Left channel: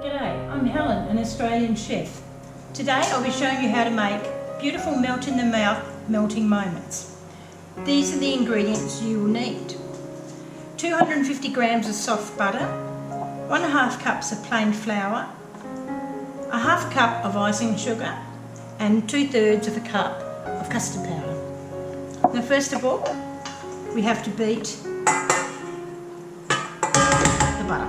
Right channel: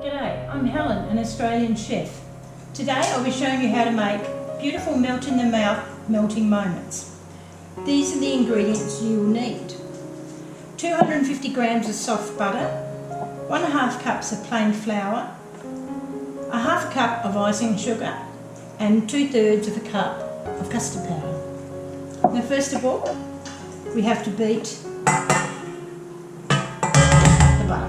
G'day, I'm Helen, an Australian chef. Today I'll be showing you how to make beautiful melt in the mouth melting moments. These are the ingredients you will need. 250 grams of soft butter, 1.5 cups of plain flour, 1/2 cup of icing sugar and 2/3 of a cup of custard powder. Now first of all, we have to beat the butter.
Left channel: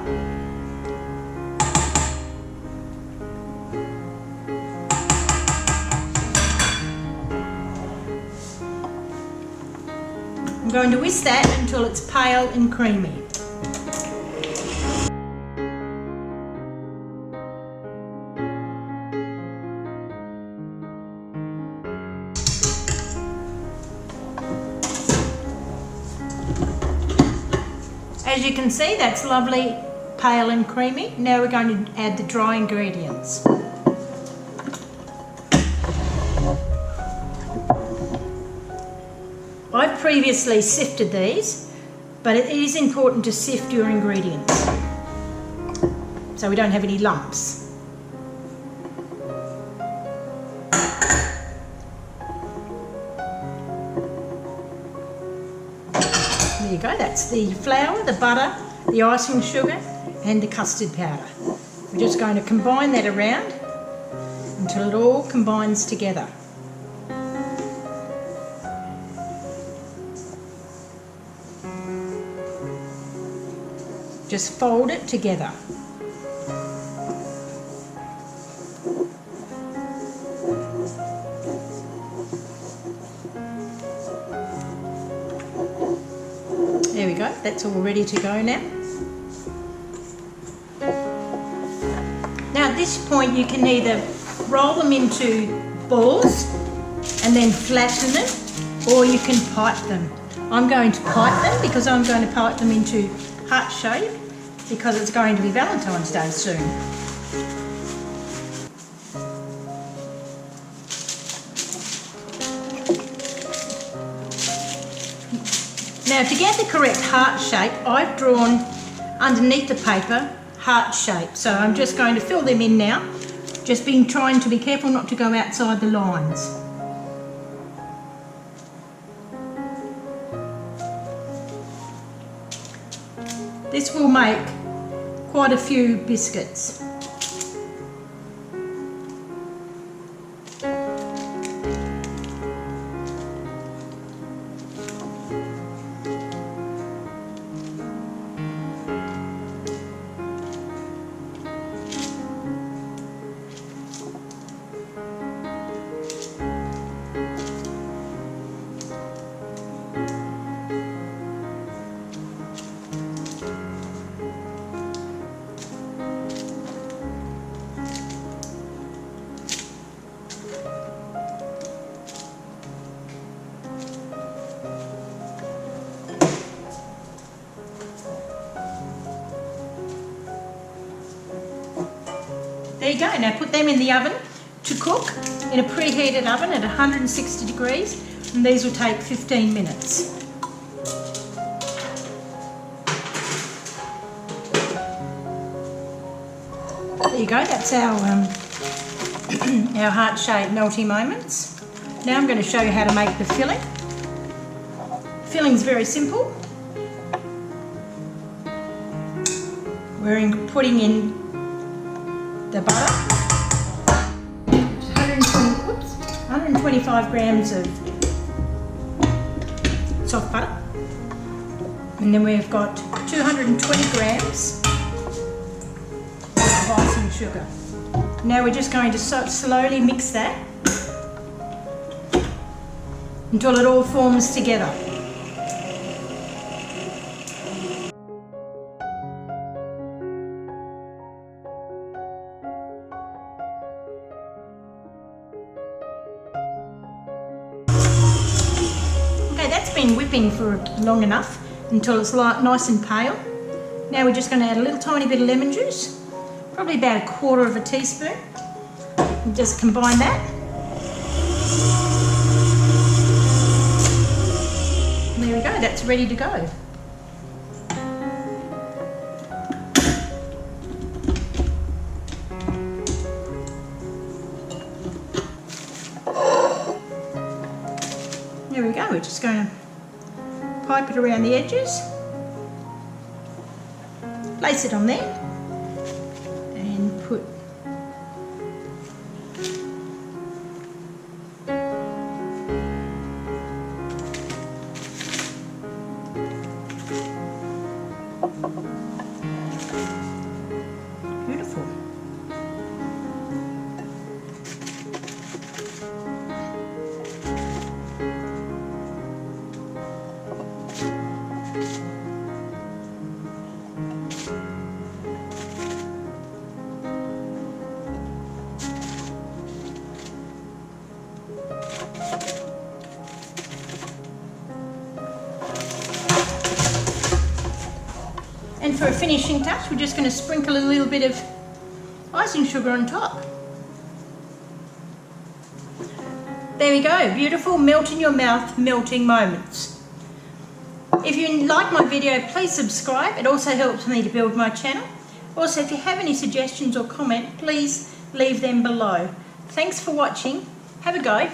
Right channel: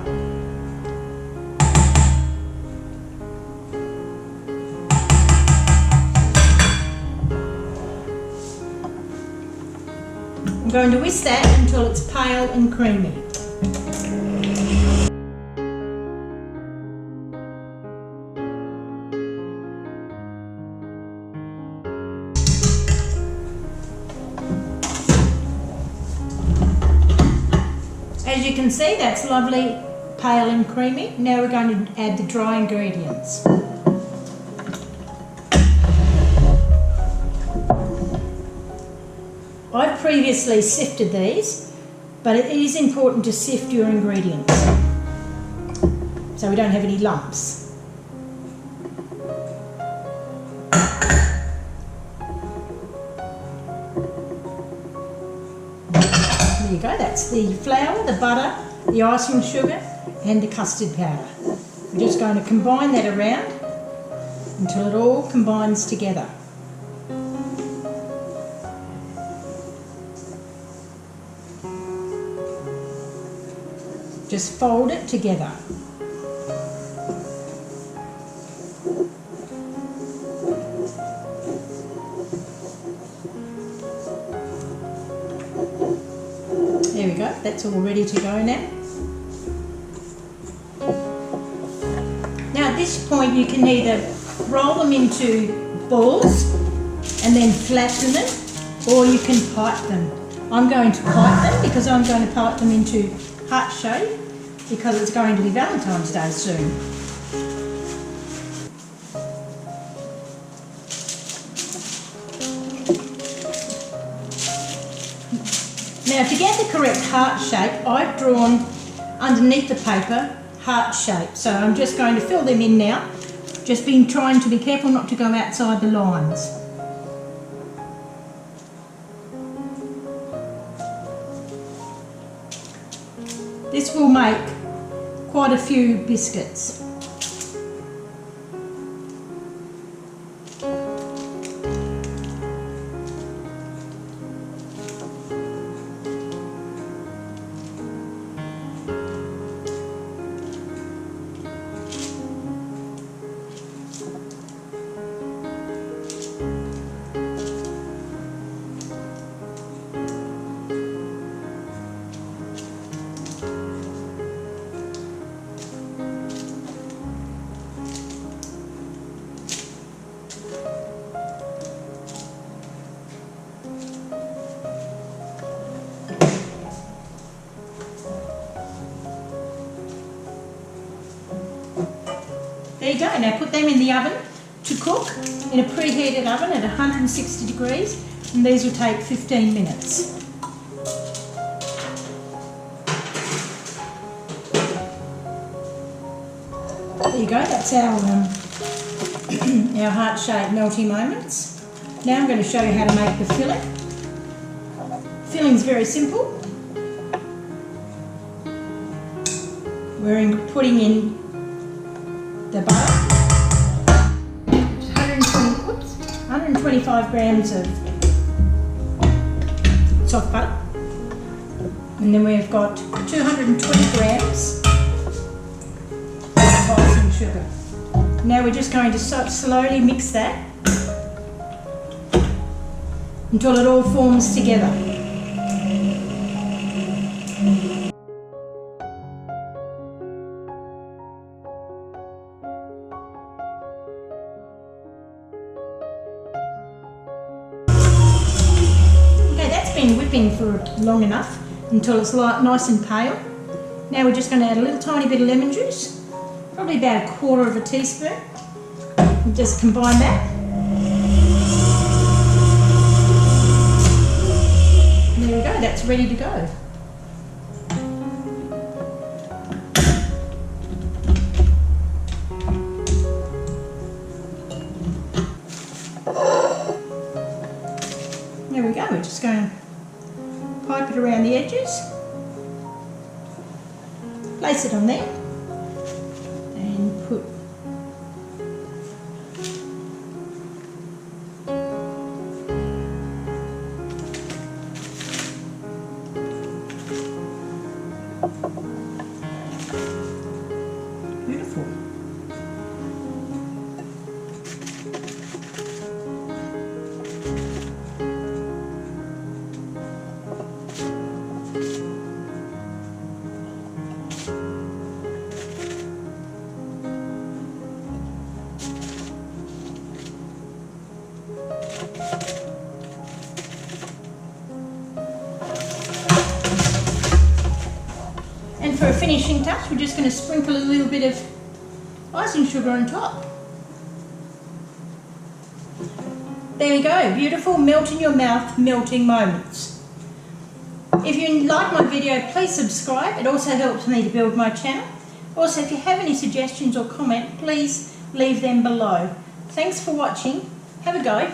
I'm going to whisk that until it's pale and creamy. As you can see, that's lovely, pale and creamy. Now we're going to add the dry ingredients. I've previously sifted these, but it is important to sift your ingredients so we don't have any lumps. There you go, that's the flour, the butter, the icing sugar and the custard powder. We're just going to combine that around until it all combines together. Just fold it together. There we go, that's all ready to go now. Now at this point you can either roll them into balls and then flatten them, or you can pipe them. I'm going to pipe them because I'm going to pipe them into heart shape because it's going to be Valentine's Day soon. Now to get the correct heart shape, I've drawn underneath the paper heart shape. So I'm just going to fill them in now. Just trying to be careful not to go outside the lines. This will make quite a few biscuits. There you go, now put them in the oven to cook in a preheated oven at 160 degrees, and these will take 15 minutes. There you go, that's our heart-shaped melty moments. Now I'm going to show you how to make the filling. Filling's very simple. We're putting in the butter, 125 grams of soft butter, and then we've got 220 grams of icing sugar. Now we're just going to slowly mix that until it all forms together. Okay, that's been whipping for long enough until it's nice and pale. Now we're just going to add a little tiny bit of lemon juice, probably about 1/4 teaspoon. And just combine that. And there we go, that's ready to go. we go, we're just going to pipe it around the edges, place it on there and put beautiful. And for a finishing touch, we're just going to sprinkle a little bit of icing sugar on top. There we go, beautiful melt in your mouth melting moments. If you like my video, please subscribe. It also helps me to build my channel. Also, if you have any suggestions or comment, please leave them below. Thanks for watching. Have a go.